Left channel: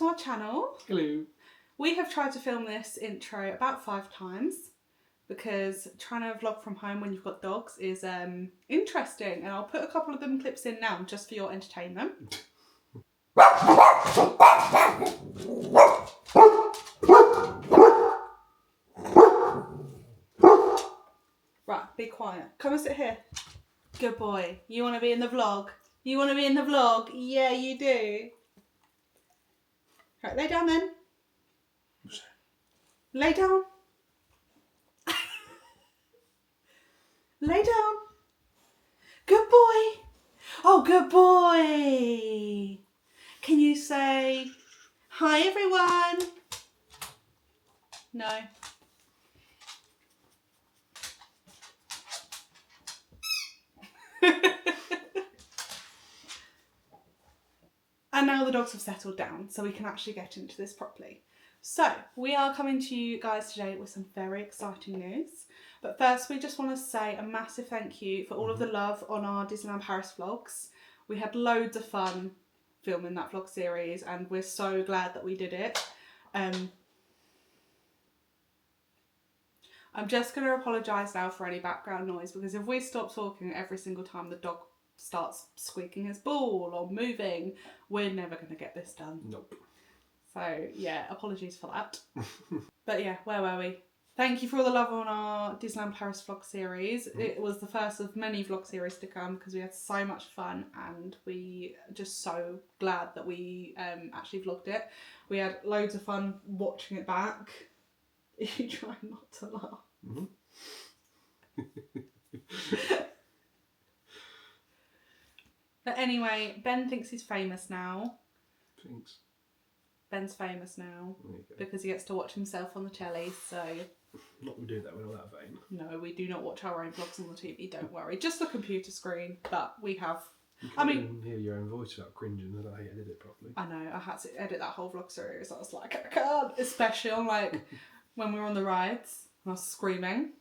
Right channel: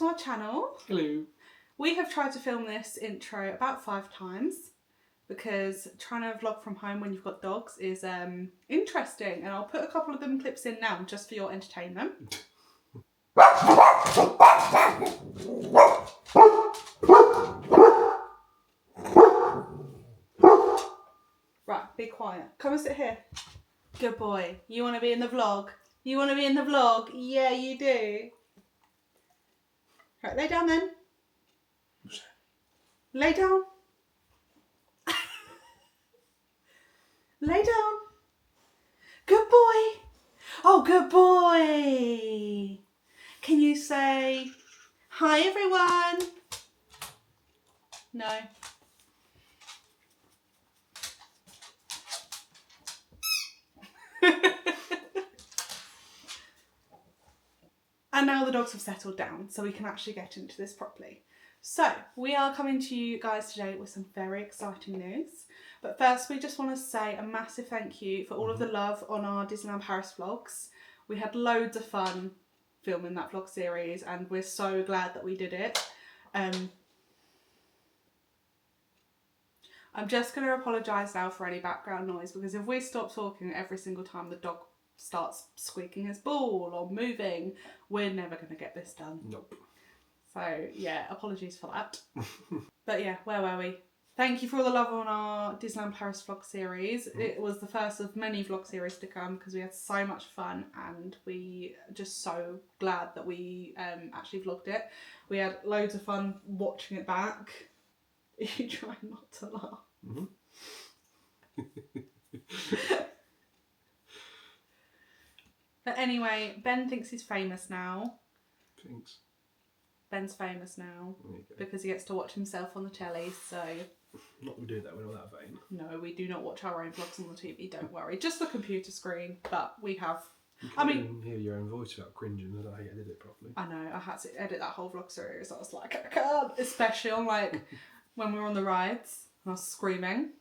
to our channel. Hello. We have tried to film this intro about 5 times because trying to vlog from home when you've got dogs is interesting, and I'll put a couple of them clips in now just for your entertainment. Right, be quiet. Come and sit here. Good boy. You want to be in the vlog? You want to be in the vlog? Yeah, you do. Right, lay down then. Lay down. Lay down. Good boy. Oh, good boy. Can you say, hi everyone? No. And now the dogs have settled down, so we can actually get into this properly. So, we are coming to you guys today with some very exciting news. But first, we just want to say a massive thank you for all of the love on our Disneyland Paris vlogs. We had loads of fun filming that vlog series, and we're so glad that we did it. I'm just going to apologise now for any background noise, because if we stop talking every single time the dog starts squeaking his ball or moving, we're never going to get this done. Nope. So yeah, apologies for that. But yeah, where were we? Thank you for all the love on our Disneyland Paris vlog series. It was the first of many vlog series to come because we had so much fun, and we are just so glad that we actually vlogged it. We had loads of fun watching it back. You try not to laugh. But anyway, Ben thinks he's famous now. Thanks. Ben's famous now There you go. because he gets to watch himself on the telly, so... Not that we do that, we're not that vain. No, we do not watch our own vlogs on the TV, don't worry. Just the computer screen, but we have... You I can't mean... even hear your own voice without cringing. I don't know how you did it properly. I know, I had to edit that whole vlog series. I was like, I can't. Especially on, like, when we were on the rides, and I was screaming.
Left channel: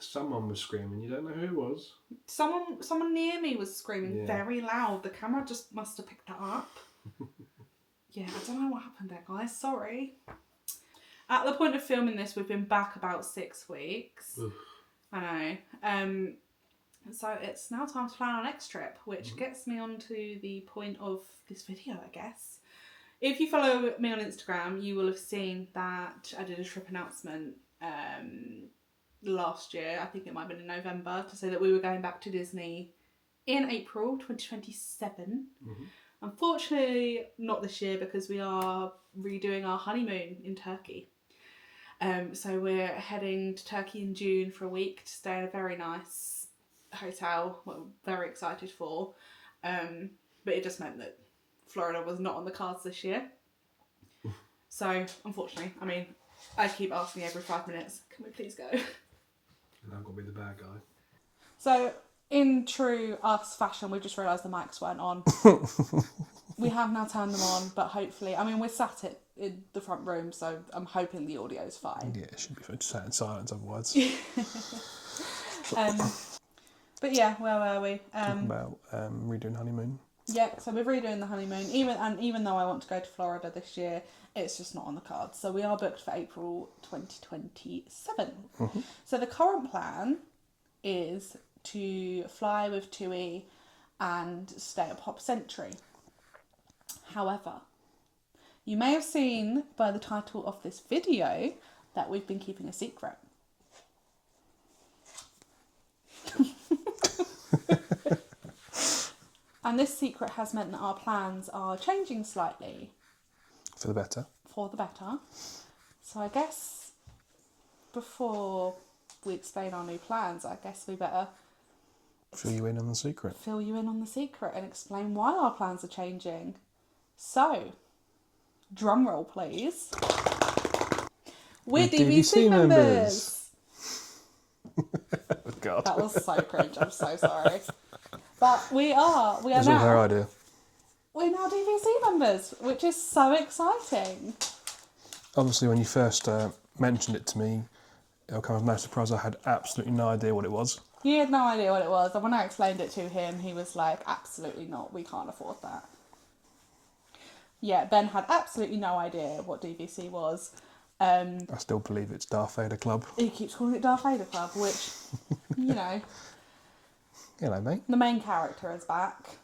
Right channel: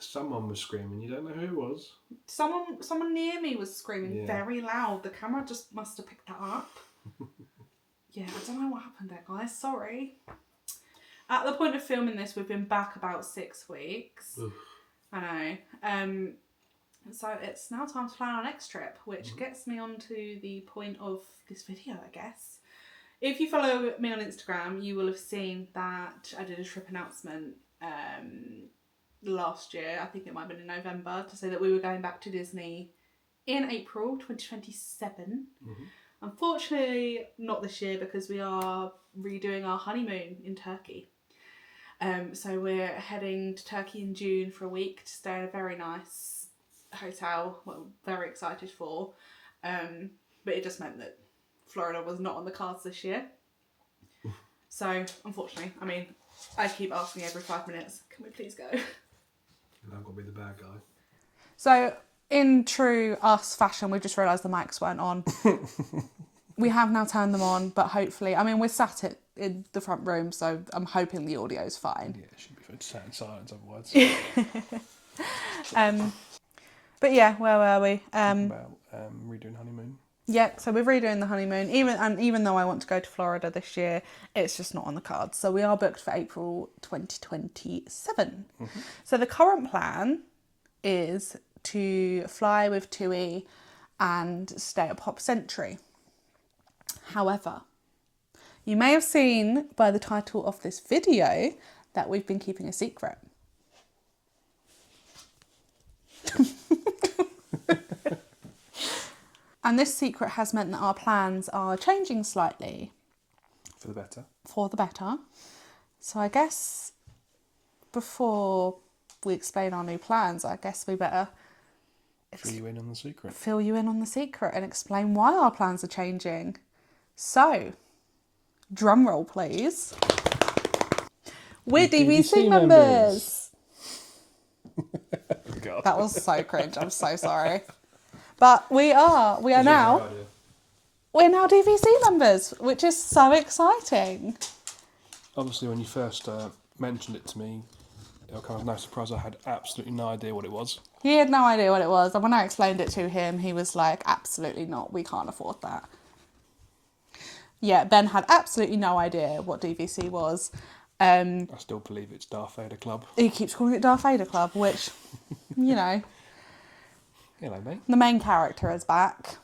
Someone was screaming, you don't know who it was. Someone near me was screaming very loud. The camera just must have picked that up. Yeah, I don't know what happened there, guys. Sorry. At the point of filming this, we've been back about 6 weeks. Oof. I know. So it's now time to plan our next trip, which gets me on to the point of this video, I guess. If you follow me on Instagram, you will have seen that I did a trip announcement last year. I think it might have been in November, to say that we were going back to Disney in April 2027. Unfortunately, not this year because we are redoing our honeymoon in Turkey. So we're heading to Turkey in June for a week to stay in a very nice hotel, what I'm very excited for. But it just meant that Florida was not on the cards this year. So, unfortunately, I mean, I keep asking every 5 minutes, can we please go? And I'm going to be the bad guy. So, in true us fashion, we've just realised the mics weren't on. We have now turned them on, but hopefully, I mean, we're sat in the front room, so I'm hoping the audio's fine. Yeah, it should be fine. Just sat in silence otherwise. But yeah, where were we? About redoing honeymoon. Yeah, so we're redoing the honeymoon. Even though I want to go to Florida this year, it's just not on the cards. So we are booked for April 2027. So the current plan is to fly with TUI and stay at Pop Century. However, you may have seen by the title of this video that we've been keeping a secret. And this secret has meant that our plans are changing slightly. For the better. For the better. So I guess before we explain our new plans, I guess we better Fill you in on the secret. Fill you in on the secret and explain why our plans are changing. So, drum roll please. We're DVC members. God. That was so cringe, I'm so sorry. But we are It was now. her idea. We're now DVC members, which is so exciting. Obviously, when you first mentioned it to me, it'll come as no surprise. I had absolutely no idea what it was. He had no idea what it was, and when I explained it to him, he was like, absolutely not, we can't afford that. Yeah, Ben had absolutely no idea what DVC was. I still believe it's Darth Vader Club. He keeps calling it Darth Vader Club, which, you know, Hello, mate. the main character is back.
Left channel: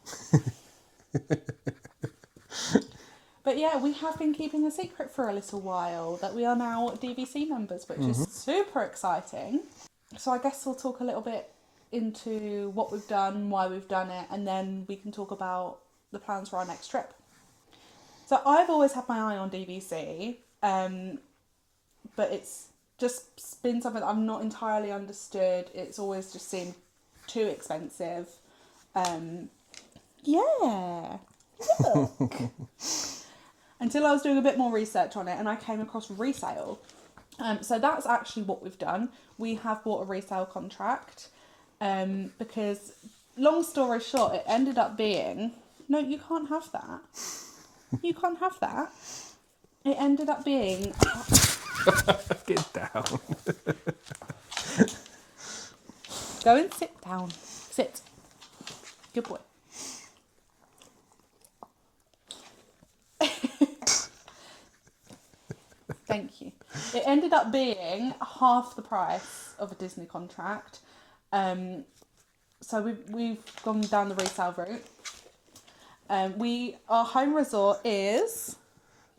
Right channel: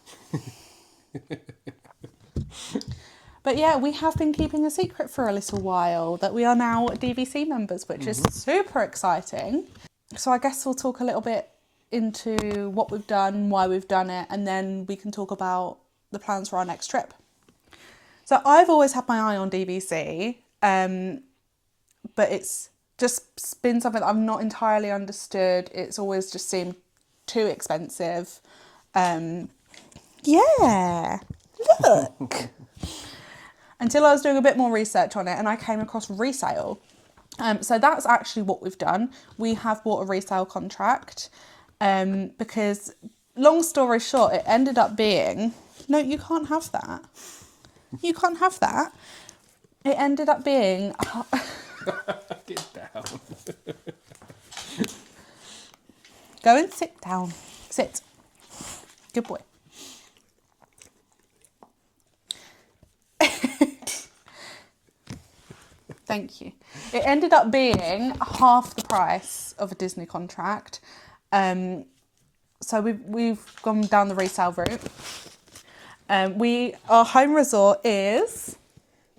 But yeah, we have been keeping a secret for a little while that we are now DVC members, which is super exciting. So I guess we'll talk a little bit into what we've done, why we've done it, and then we can talk about the plans for our next trip. So I've always had my eye on DVC, but it's just been something that I've not entirely understood. It's always just seemed too expensive. Yeah, look. Until I was doing a bit more research on it and I came across resale. So that's actually what we've done. We have bought a resale contract because, long story short, it ended up being... No, you can't have that. You can't have that. It ended up being... Get down. Go and sit down. Sit. Good boy. Thank you. It ended up being half the price of a Disney contract. So we've gone down the resale route. Our home resort is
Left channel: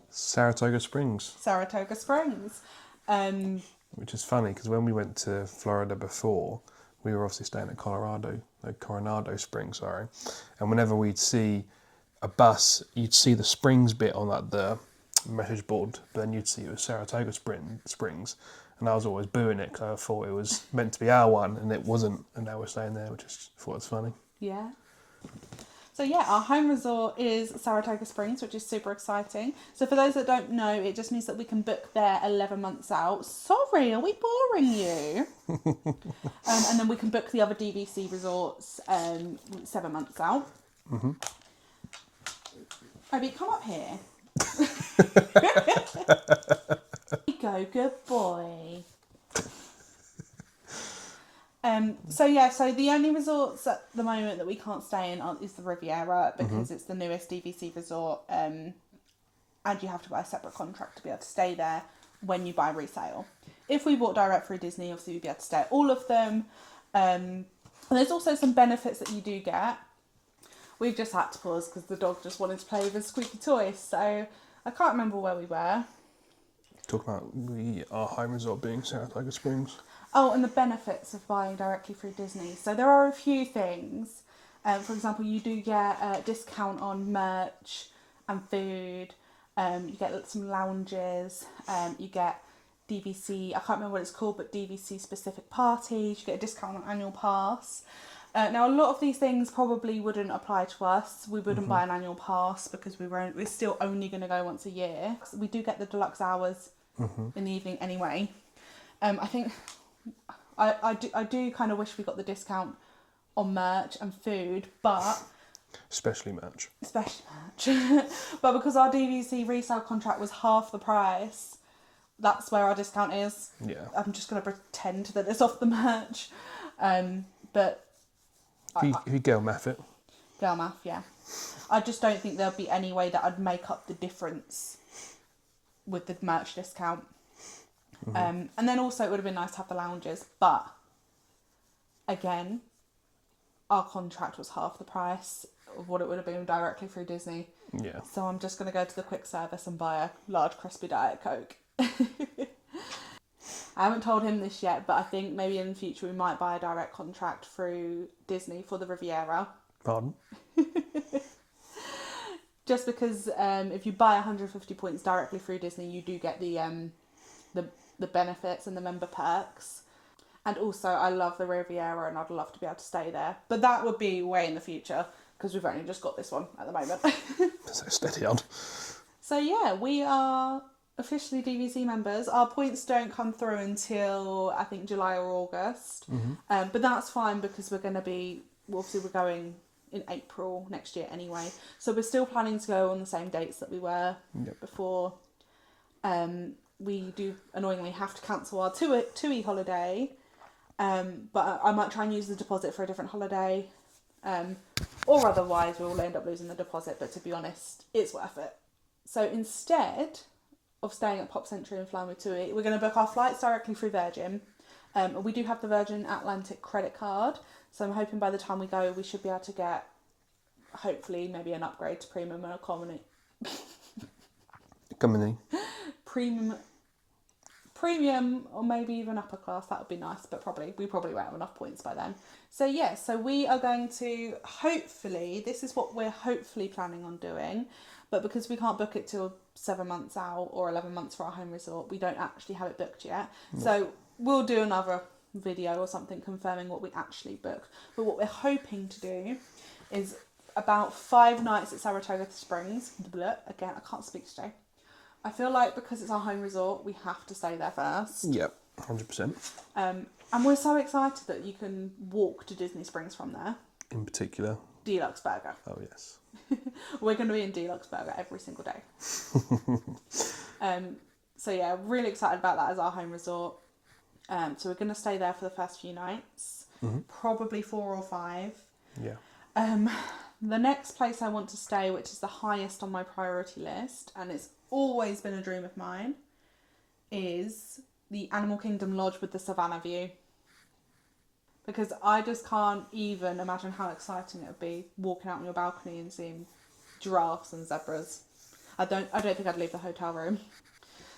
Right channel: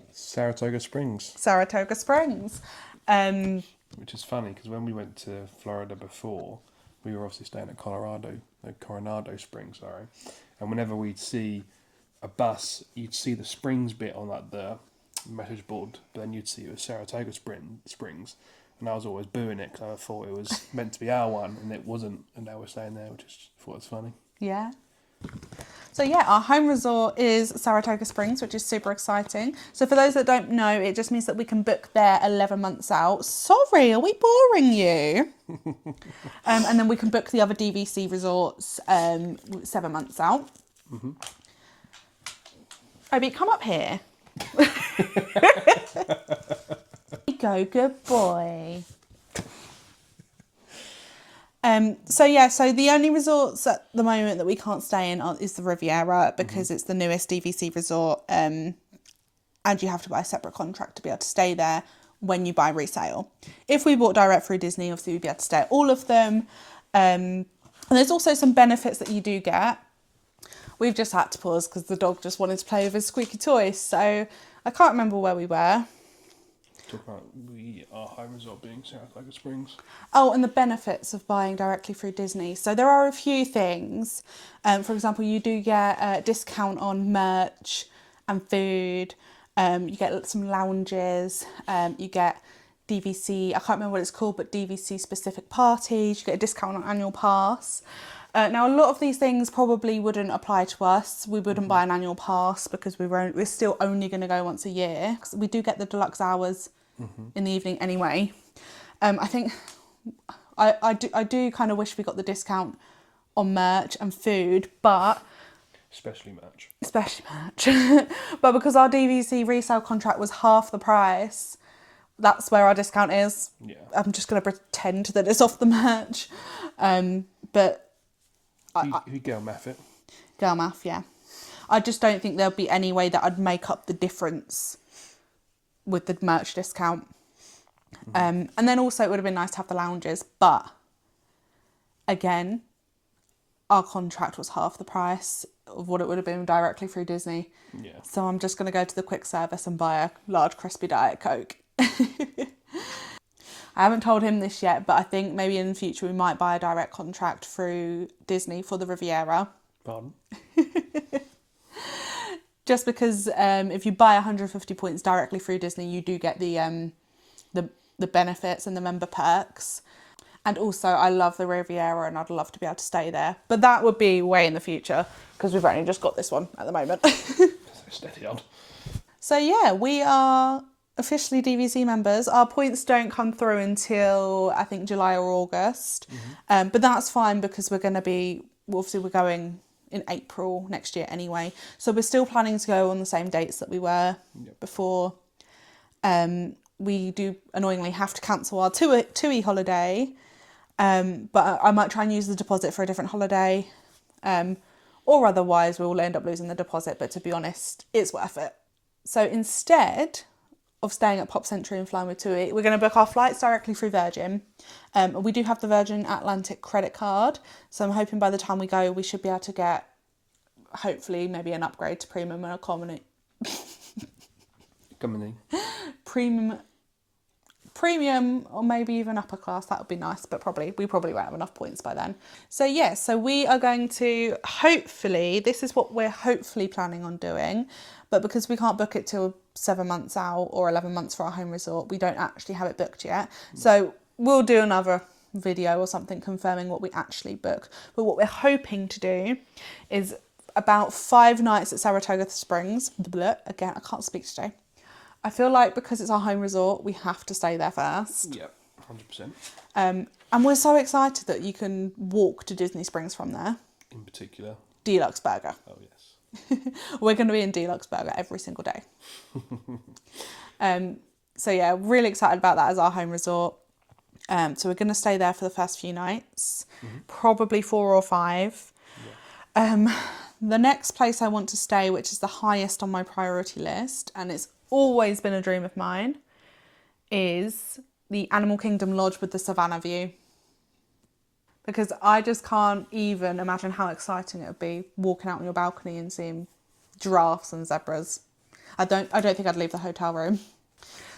Saratoga Springs. Saratoga Springs. Which is funny because when we went to Florida before, we were obviously staying at Coronado Springs, sorry. And whenever we'd see a bus, you'd see the Springs bit on like the message board, but then you'd see it was Saratoga Springs, and I was always booing it because I thought it was meant to be our one, and it wasn't, and now we're staying there, which I thought was funny. Yeah. So yeah, our home resort is Saratoga Springs, which is super exciting. So for those that don't know, it just means that we can book there 11 months out. Sorry, are we boring you? And then we can book the other DVC resorts 7 months out. Mm-hmm. Obi, come up here. Go, good boy. So the only resorts at the moment that we can't stay in is the Riviera because it's the newest DVC resort, and you have to buy a separate contract to be able to stay there when you buy resale. If we bought direct through Disney, obviously we'd be able to stay at all of them. And there's also some benefits that you do get. We've just had to pause because the dog just wanted to play with his squeaky toy, so I can't remember where we were. Talk about our home resort being Saratoga Springs. Oh, and the benefits of buying directly through Disney. So there are a few things. For example, you do get a discount on merch and food. You get some lounges. You get DVC, I can't remember what it's called, but DVC specific parties. You get a discount on annual pass. Now, a lot of these things probably wouldn't apply to us. We wouldn't buy an annual pass because we're still only going to go once a year. We do get the deluxe hours in the evening anyway. I think I do kind of wish we got the discount on merch and food, but... Especially merch. But because our DVC resale contract was half the price, that's where our discount is. Yeah. I'm just going to pretend that it's off the merch. But... If you girl math it. Girl math, yeah. I just don't think there'll be any way that I'd make up the difference with the merch discount. And then also it would have been nice to have the lounges, but again, our contract was half the price of what it would have been directly through Disney. Yeah. So I'm just going to go to the quick service and buy a large crispy Diet Coke. I haven't told him this yet, but I think maybe in the future we might buy a direct contract through Disney for the Riviera. Pardon? Just because if you buy 150 points directly through Disney, you do get the benefits and the member perks. And also, I love the Riviera and I'd love to be able to stay there. But that would be way in the future because we've only just got this one at the moment. So steady on. So yeah, we are officially DVC members. Our points don't come through until I think July or August. But that's fine because we're going in April next year anyway. So we're still planning to go on the same dates that we were before. We do annoyingly have to cancel our TUI holiday. But I might try and use the deposit for a different holiday. Or otherwise we'll end up losing the deposit. But to be honest, it's worth it. So instead of staying at Pop Century and flying with TUI, we're going to book our flights directly through Virgin. We do have the Virgin Atlantic credit card, so I'm hoping by the time we go, we should be able to get, hopefully, maybe an upgrade to premium and economy. Premium or maybe even upper class. That would be nice, but we probably won't have enough points by then. So yeah, so we are going to hopefully, this is what we're hopefully planning on doing, but because we can't book it till 7 months out or 11 months for our home resort, we don't actually have it booked yet. So we'll do another video or something confirming what we actually book. But what we're hoping to do is about 5 nights at Saratoga Springs. Again, I can't speak today. I feel like because it's our home resort, we have to stay there first. Yep, 100%. And we're so excited that you can walk to Disney Springs from there. In particular. Deluxe Burger. Oh, yes. We're going to be in Deluxe Burger every single day. So yeah, really excited about that as our home resort. So we're going to stay there for the first few nights, probably 4 or 5. Yeah. The next place I want to stay, which is the highest on my priority list, and it's always been a dream of mine, is the Animal Kingdom Lodge with the Savannah view. Because I just can't even imagine how exciting it would be walking out on your balcony and seeing giraffes and zebras. I don't think I'd leave the hotel room.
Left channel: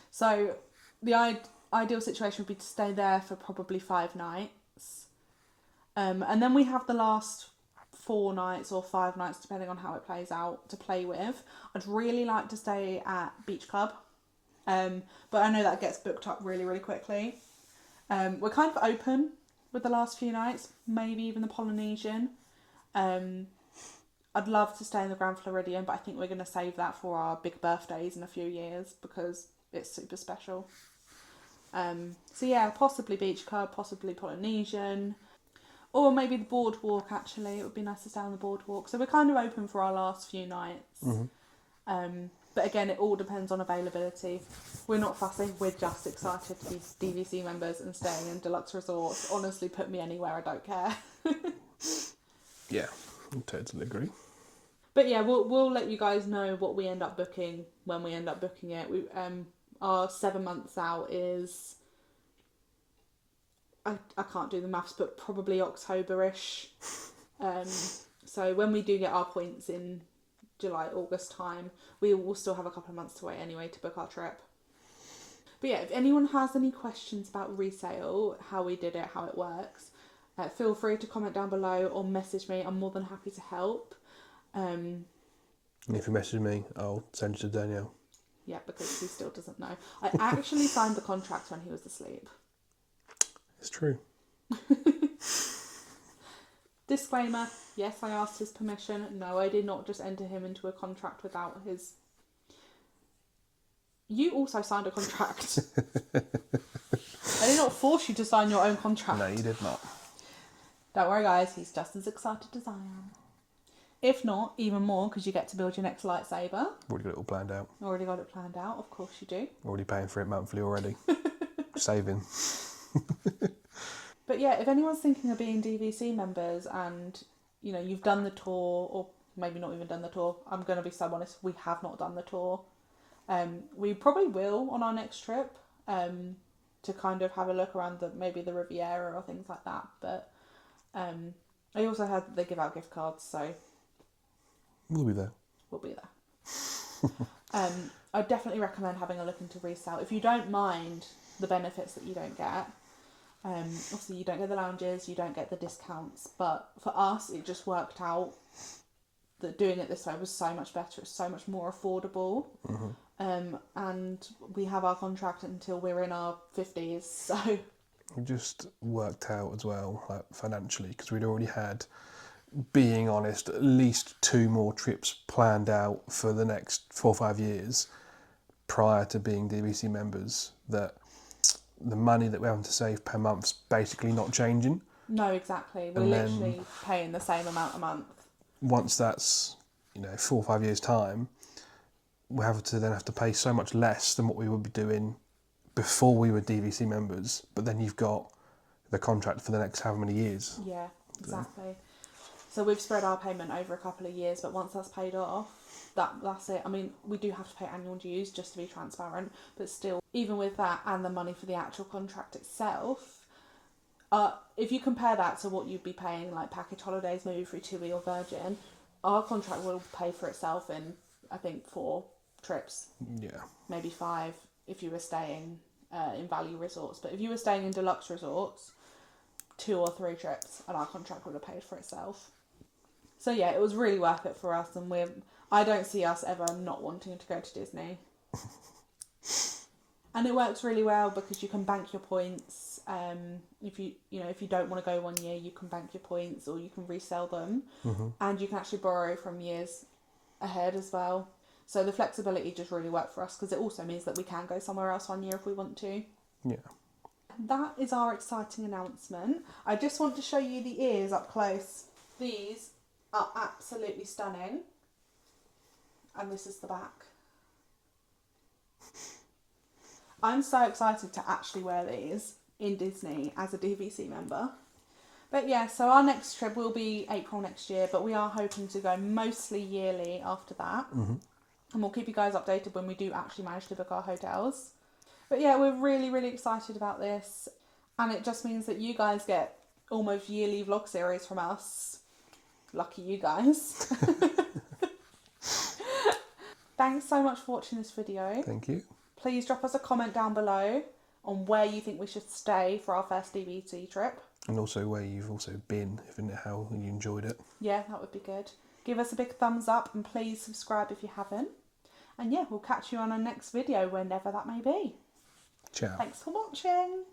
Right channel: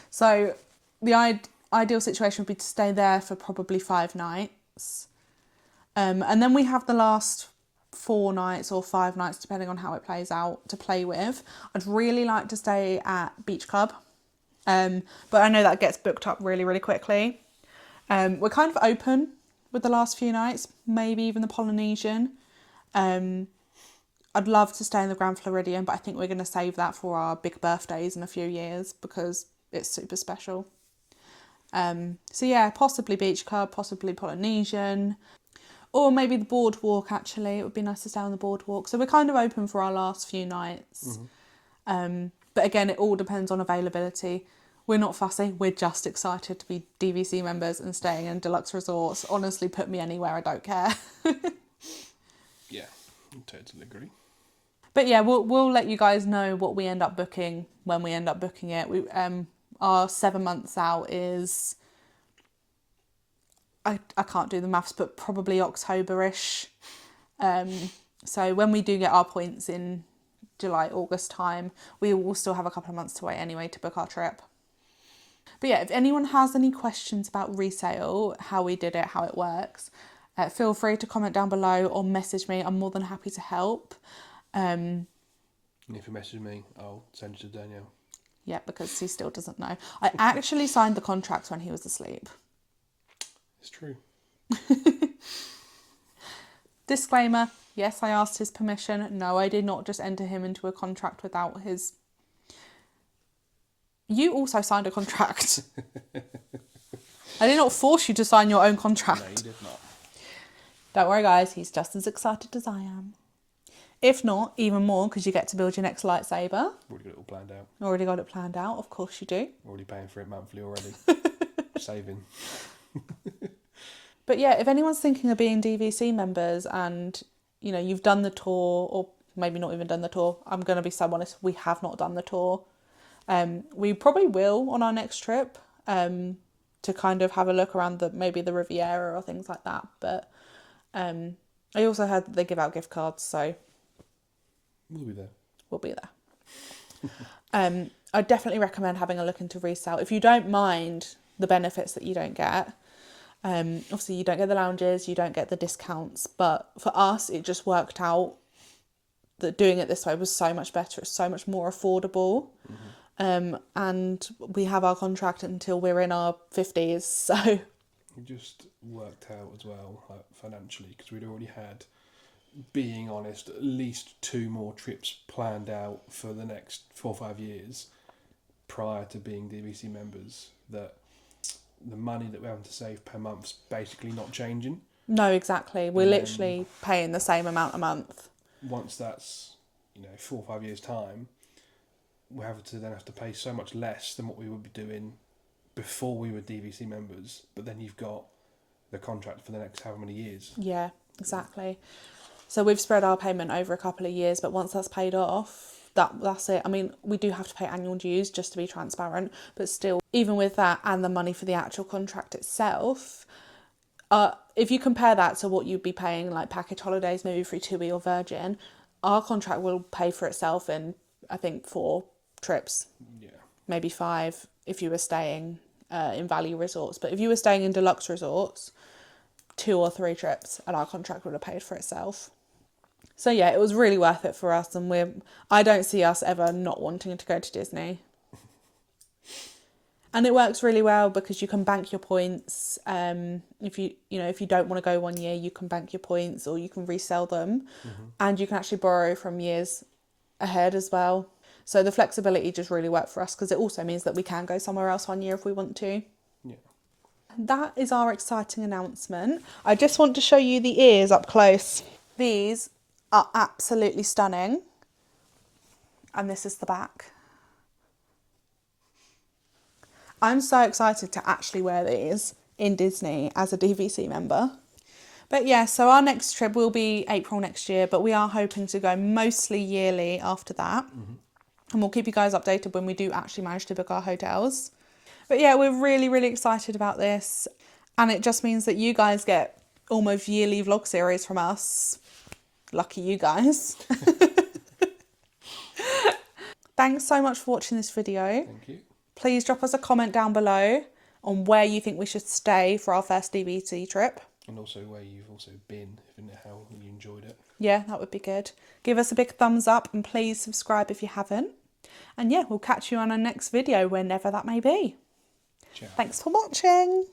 So the ideal situation would be to stay there for probably 5 nights. And then we have the last 4 nights or 5 nights, depending on how it plays out, to play with. I'd really like to stay at Beach Club. But I know that gets booked up really, really quickly. We're kind of open with the last few nights, maybe even the Polynesian. I'd love to stay in the Grand Floridian, but I think we're going to save that for our big birthdays in a few years because it's super special. So yeah, possibly Beach Club, possibly Polynesian, or maybe the Boardwalk actually. It would be nice to stay on the Boardwalk. So we're kind of open for our last few nights. But again, it all depends on availability. We're not fussy, we're just excited to be DVC members and staying in deluxe resorts. Honestly, put me anywhere, I don't care. Yeah, I totally agree. But yeah, we'll let you guys know what we end up booking when we end up booking it. Our 7 months out is, I can't do the maths, but probably October-ish. So when we do get our points in July, August time, we will still have a couple of months to wait anyway to book our trip. But yeah, if anyone has any questions about resale, how we did it, how it works, feel free to comment down below or message me. I'm more than happy to help. And if you message me, I'll send it to Danielle. Yeah, because he still doesn't know. I actually signed the contract when he was asleep. It's true. Disclaimer, yes, I asked his permission. No, I did not just enter him into a contract without his... You also signed a contract. I did not force you to sign your own contract. No, you did not. Don't worry, guys. He's just as excited as I am. If not, even more, because you get to build your next lightsaber. Already got it all planned out. Already got it planned out. Of course you do. Already paying for it monthly already. Saving. But yeah, if anyone's thinking of being DVC members and, you know, you've done the tour or maybe not even done the tour, I'm going to be so honest, we have not done the tour. We probably will on our next trip to kind of have a look around maybe the Riviera or things like that. But I also heard that they give out gift cards, so we'll be there. We'll be there. I definitely recommend having a look into resale. If you don't mind the benefits that you don't get, obviously you don't get the lounges, you don't get the discounts, but for us it just worked out that doing it this way was so much better. It's so much more affordable. And we have our contract until we're in our 50s, so it just worked out as well, like financially, because we'd already had, being honest, at least 2 more trips planned out for the next 4 or 5 years prior to being DVC members, that the money that we're having to save per month's basically not changing. No, exactly. We're literally paying the same amount a month. Once that's, 4 or 5 years' time, we have to pay so much less than what we would be doing before we were DVC members. But then you've got the contract for the next however many years. Yeah, exactly. So we've spread our payment over a couple of years, but once that's paid off, that's it. I mean, we do have to pay annual dues just to be transparent, but still, even with that and the money for the actual contract itself, if you compare that to what you'd be paying like package holidays, maybe through TUI or Virgin, our contract will pay for itself in, I think, 4 trips. Yeah. Maybe 5 if you were staying in value resorts. But if you were staying in deluxe resorts, 2 or 3 trips and our contract would have paid for itself. So yeah, it was really worth it for us, and I don't see us ever not wanting to go to Disney. And it works really well because you can bank your points. If you don't want to go one year, you can bank your points or you can resell them, and you can actually borrow from years ahead as well. So the flexibility just really worked for us because it also means that we can go somewhere else one year if we want to. Yeah. That is our exciting announcement. I just want to show you the ears up close. These are absolutely stunning. And this is the back. I'm so excited to actually wear these in Disney as a DVC member. But yeah, so our next trip will be April next year, but we are hoping to go mostly yearly after that. And we'll keep you guys updated when we do actually manage to book our hotels. But yeah, we're really, really excited about this. And it just means that you guys get almost yearly vlog series from us. Lucky you guys. Thanks so much for watching this video. Thank you. Please drop us a comment down below on where you think we should stay for our first DVC trip. And also where you've also been, how you enjoyed it. Yeah, that would be good. Give us a big thumbs up and please subscribe if you haven't. And yeah, we'll catch you on our next video whenever that may be. Ciao. Thanks for watching.